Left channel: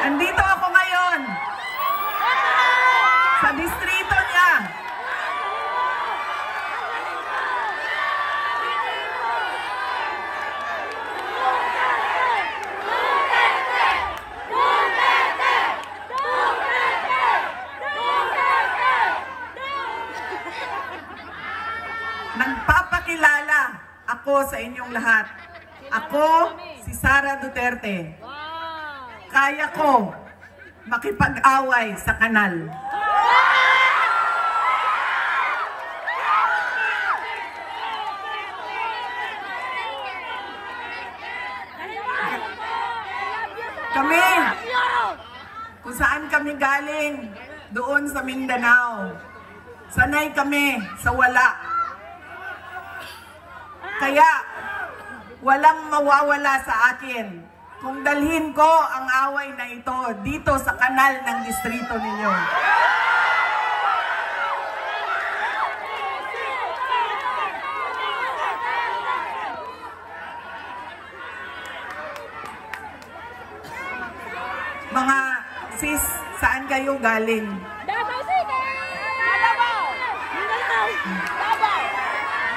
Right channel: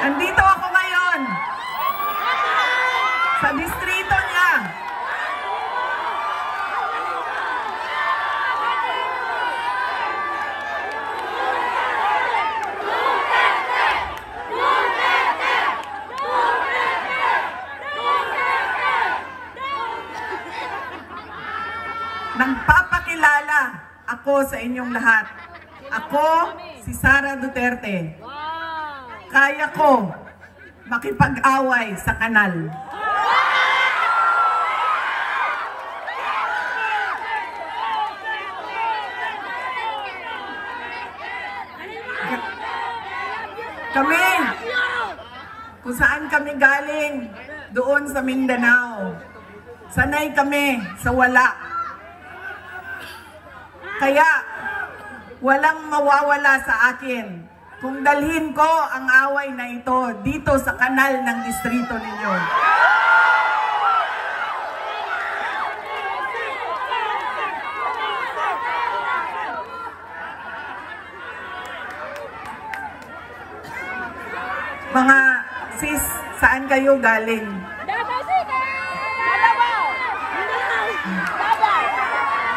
Andito ako ngayon sa distrito niya. Nagpapakilala ako sa inyong lahat. Ako, si Sara Duterte. Kaya ko makipag-away sa kanal. Kami, kung saan kami galing, doon sa Mindanao. Sanay kami sa wala. Kaya, walang mawawala sa akin kung dalhin ko ang away na ito dito sa kanal ng distrito ninyo. Mga sis, saan kayo galing? Davao City! Davao! Davao!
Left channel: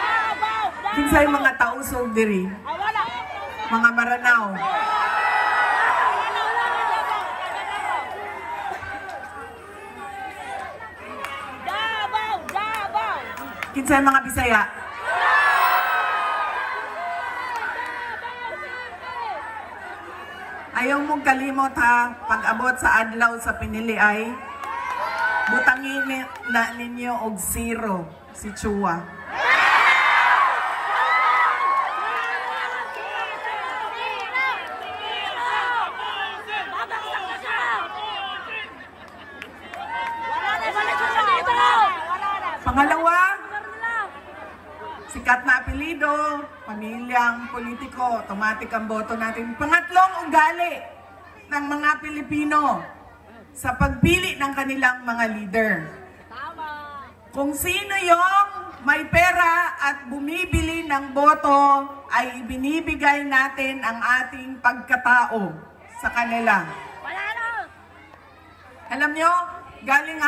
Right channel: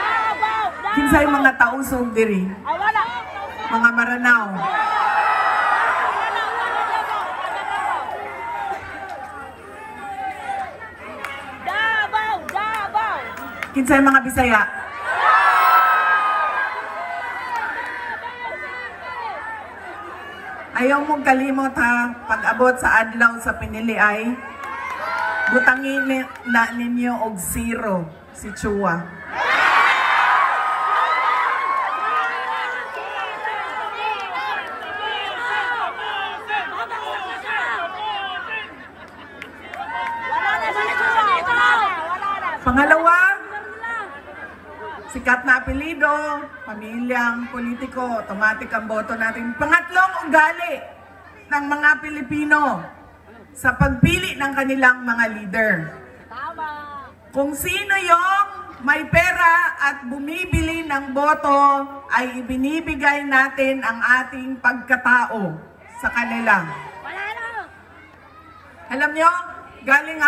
Davao! Kinsay mga tausog diri? Wala! Mga Maranao. Davao! Davao! Kinsay mga Bisaya? Ayaw mong kalimot ha, pag-abot sa adlaw sa pinili ay butangin na ninyo og zero si Chua. Pangalawa, sikat na apelido, pamilyang politiko, automatic ang boto natin. Pangatlong, ugali ng mga Pilipino sa pagpili ng kanilang mga leader. Tama! Kung sino yung may pera at bumibili ng boto, ay ibinibigay natin ang ating pagkatao sa kanila. Alam nyo, galing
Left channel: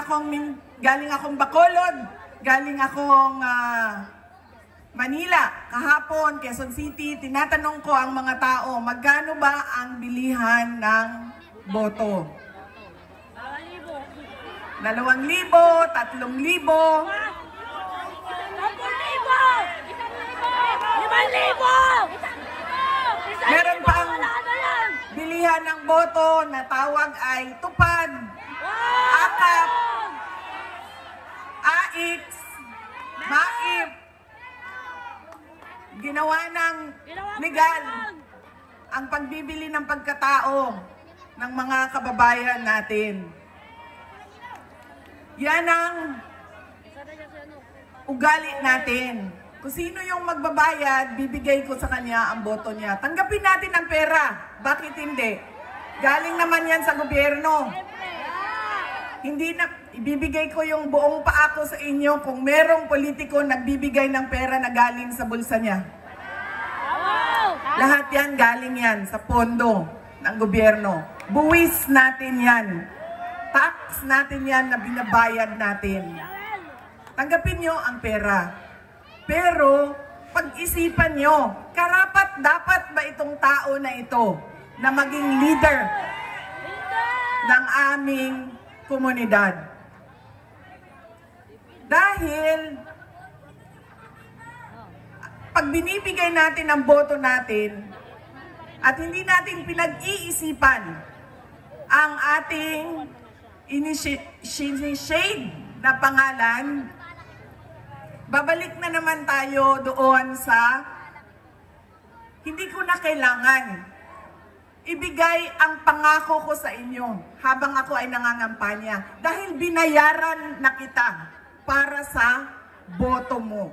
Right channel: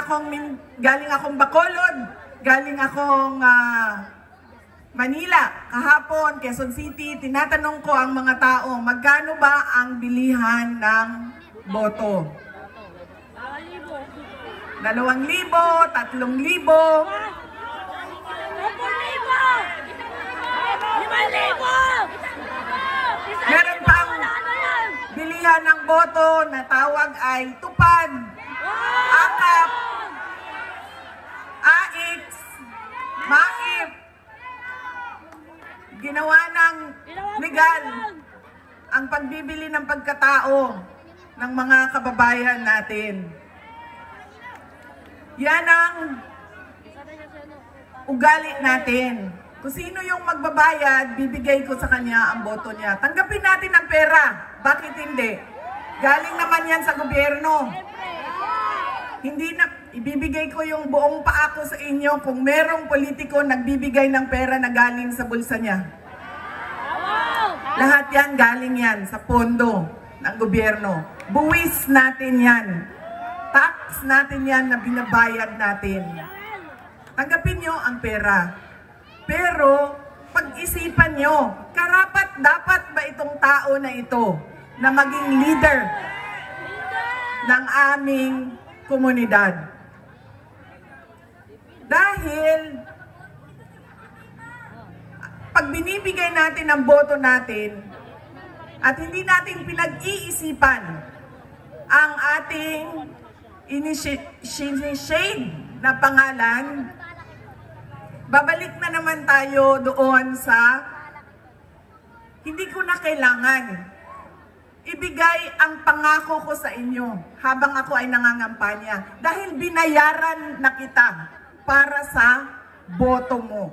akong Bacolod, galing akong Manila, kahapon, Quezon City, tinatanong ko ang mga tao, magkano ba ang bilihan ng boto? 2,000, 3,000, 5,000. Meron pang bilihan ng boto na tawag ay tupad, akap, AX, maip, ginawa ng legal ang pagbibili ng pagkatao ng mga kababayan natin. Yan ang ugali natin. Kung sino yung magbabayad, bibigay ko sa kanya ang boto niya. Tanggapin natin ang pera. Bakit hindi? Galing naman yan sa gobyerno. Hindi na ibibigay ko yung buong paa ko sa inyo kung merong politiko nagbibigay ng pera na galing sa bulsa niya. Lahat yan galing yan sa pondo ng gobyerno. Buwis natin yan. Tax natin yan na binabayad natin. Tanggapin nyo ang pera. Pero pag-isipan nyo, karapat-dapat ba itong tao na ito na maging leader ng aming komunidad? Dahil pag binibigay natin ang boto natin at hindi natin pinag-iisipan ang ating initiate na pangalan, babalik na naman tayo doon sa hindi ko na kailangan ibigay ang pangako ko sa inyo habang ako ay nangangampanya dahil binayaran na kita para sa boto mo.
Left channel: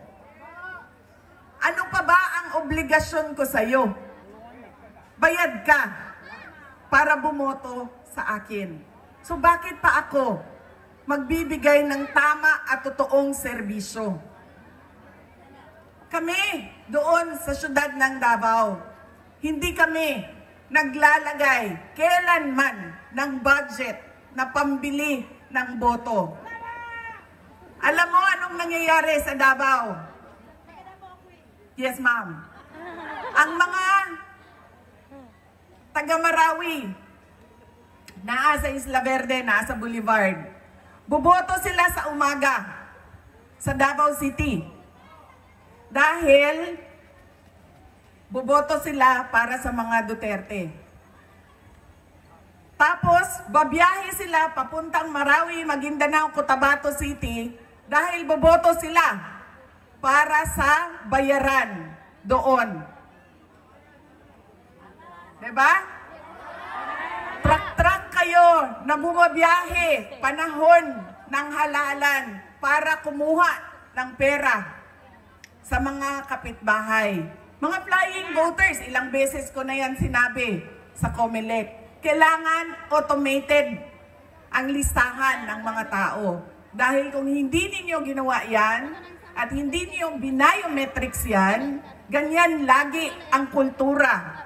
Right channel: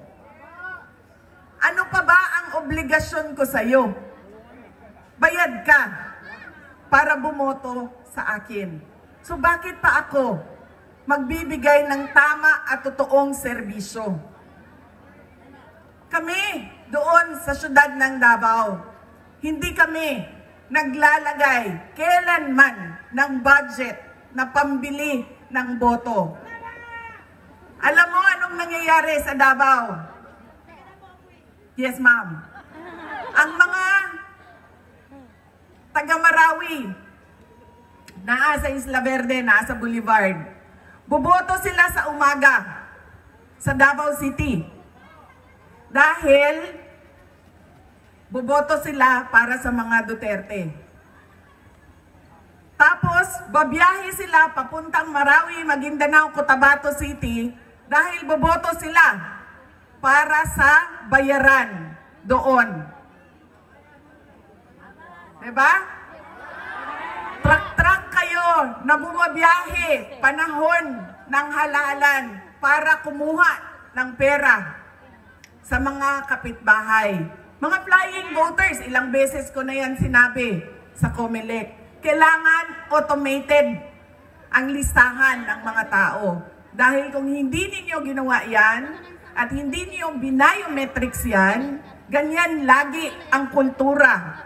Ano pa ba ang obligasyon ko sa iyo? Bayad ka para bumoto sa akin. So bakit pa ako magbibigay ng tama at totoong serbisyo? Kami doon sa syudad ng Davao, hindi kami naglalagay kailanman ng budget na pambili ng boto. Alam mo anong nangyayari sa Davao? Yes, ma'am. Ang mga taga-Marawi, nasa Isla Verde, nasa Boulevard, boboto sila sa umaga sa Davao City. Dahil boboto sila para sa mga Duterte. Tapos, babiyahe sila papuntang Marawi, Maguindanao, Cotabato City dahil boboto sila para sa bayaran doon. Diba? Truck-truck kayo na bumabiyahe panahon ng halalan para kumuha ng pera sa mga kapitbahay. Mga flying voters, ilang beses ko na yan sinabi sa COMELEC. Kailangan automated ang listahan ng mga tao. Dahil kung hindi ninyo ginawa yan, at hindi niyo biometrics yan, ganyan lagi ang kultura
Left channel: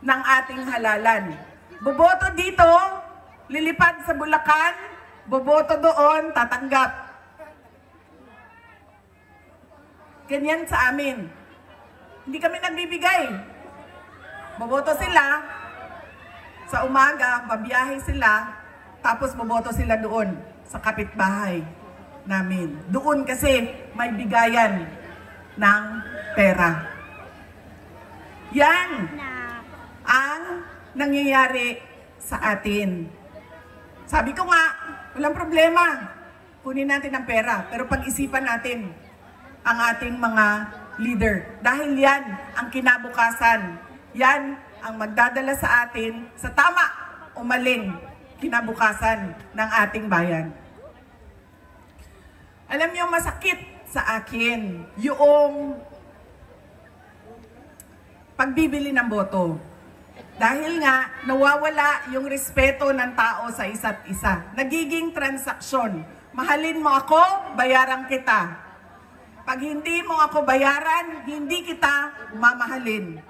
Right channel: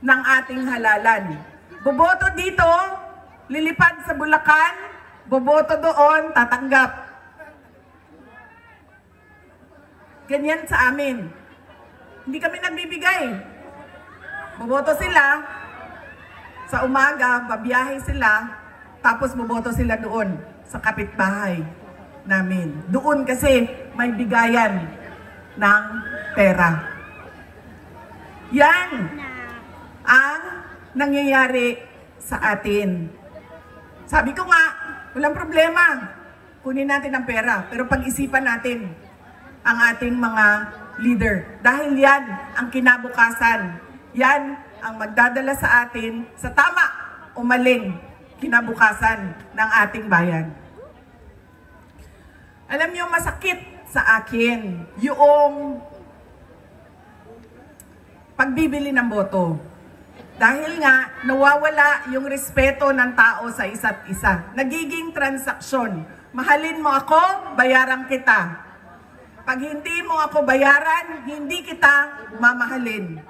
ng ating halalan. Boboto dito, lilipad sa Bulacan, boboto doon, tatanggap. Ganyan sa amin. Hindi kami nagbibigay. Boboto sila, sa umaga, babiyahe sila, tapos boboto sila doon sa kapitbahay namin. Doon kasi may bigayan ng pera. Yan ang nangyayari sa atin. Sabi ko nga, walang problema. Kunin natin ang pera, pero pag-isipan natin ang ating mga leader. Dahil yan ang kinabukasan. Yan ang magdadala sa atin sa tama o maling kinabukasan ng ating bayan. Alam niyo, masakit sa akin yung pagbibili ng boto. Dahil nga, nawawala yung respeto ng tao sa isa't isa. Nagiging transaksyon. Mahalin mo ako, bayaran kita. Pag hindi mo ako bayaran, hindi kita mamahalin.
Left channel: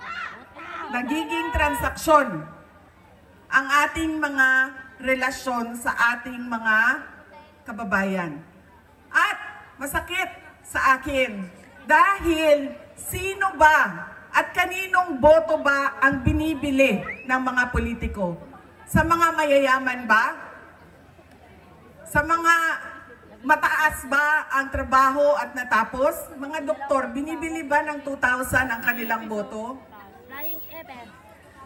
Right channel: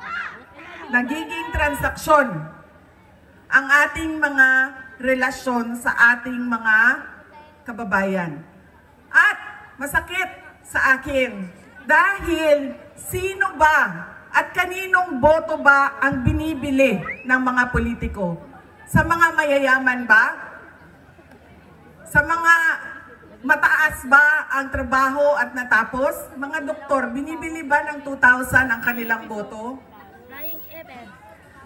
Nagiging transaksyon ang ating mga relasyon sa ating mga kababayan. At masakit sa akin dahil sino ba at kaninong boto ba ang binibili ng mga politiko? Sa mga mayayaman ba? Sa mga mataas ba ang trabaho at natapos? Mga doktor, binibili ba ng 2,000 ang kanilang boto?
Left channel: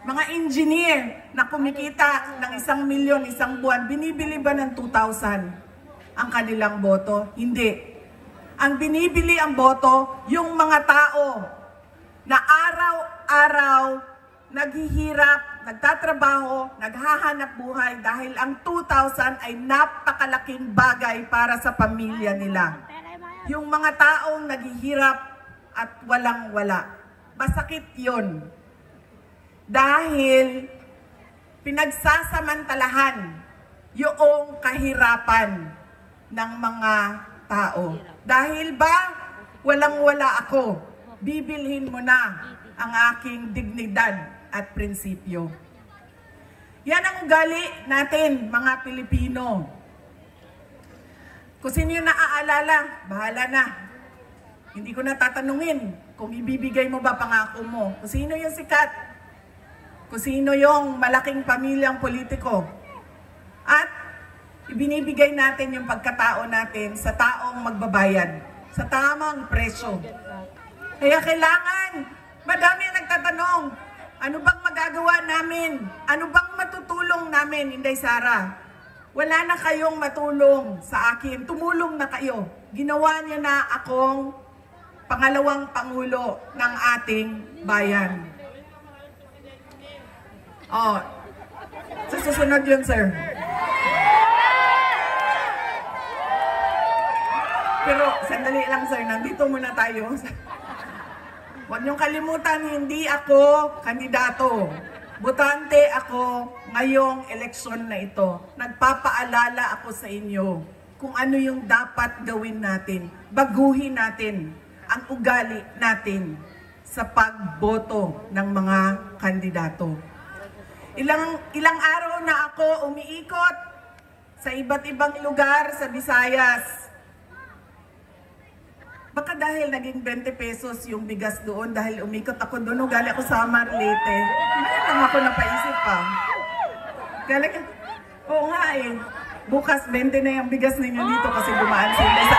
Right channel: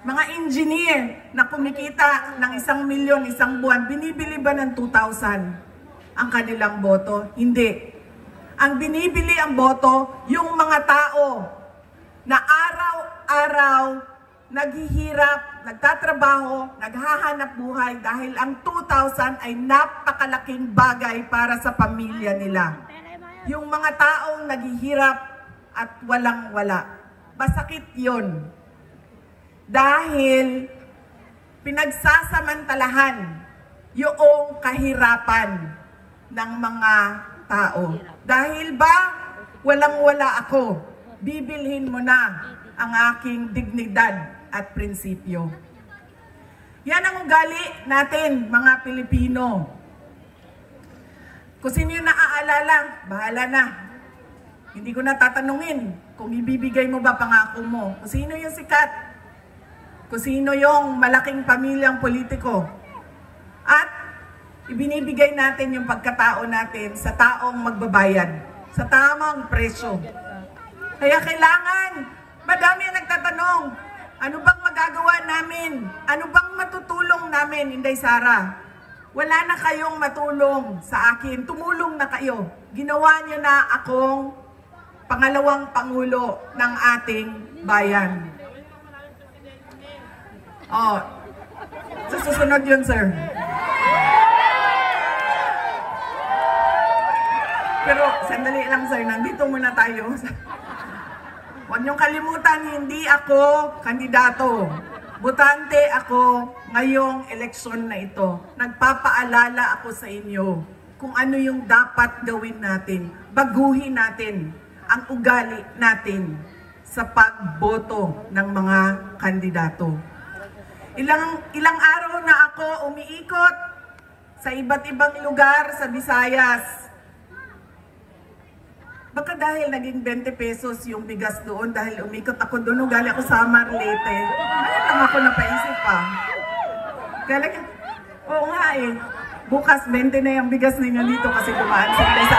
Mga engineer na kumikita ng 1 milyon isang buwan, binibili ba ng 2,000 ang kanilang boto? Hindi. Ang binibili ang boto, yung mga tao na araw-araw naghihirap, nagtatrabaho, naghahanap buhay dahil ang 2,000 ay napakalaking bagay para sa pamilya nila. Yung mga taong naghihirap at walang-wala. Masakit yun. Dahil pinagsasamantalahan yung kahirapan ng mga tao. Dahil ba walang-wala ako, bibilhin mo na ang aking dignidad at prinsipyo. Yan ang ugali natin, mga Pilipino. Kung sino yung naaalala, bahala na. Hindi ko na tatanungin kung ibibigay mo ba pangako mo. Kung sino yung sikat, kung sino yung malaking pamilyang politiko. At ibinibigay natin yung pagkatao natin sa taong magbabayad, sa tamang presyo. Kaya kailangan, madami ang nagtatanong, ano bang magagawa namin? Ano bang matutulong namin, Inday Sara? Wala na kayong matulong sa akin. Tumulong na kayo. Ginawa niyo na akong pangalawang pangulo ng ating bayan. Oh, sa susunod yun, sir. Pero sandali lang, sir. Nandito muna tayo. Huwag niyong kalimutan, hindi ako kandidato. Botante ako ngayong eleksyon na ito. Nagpapaalala ako sa inyo kung ano yung dapat gawin natin. Baguhin natin ang ugali natin sa pagboto ng mga kandidato. Ilang araw na ako umiikot sa iba't ibang lugar sa Visayas. Baka dahil naging 20 pesos yung bigas doon, dahil umikot ako doon, galing ako sa Marlete. Ngayon lang ako napaisip pa. Galing, oo nga eh. Bukas 20 na yung bigas ninyo dito kasi dumaan sila sa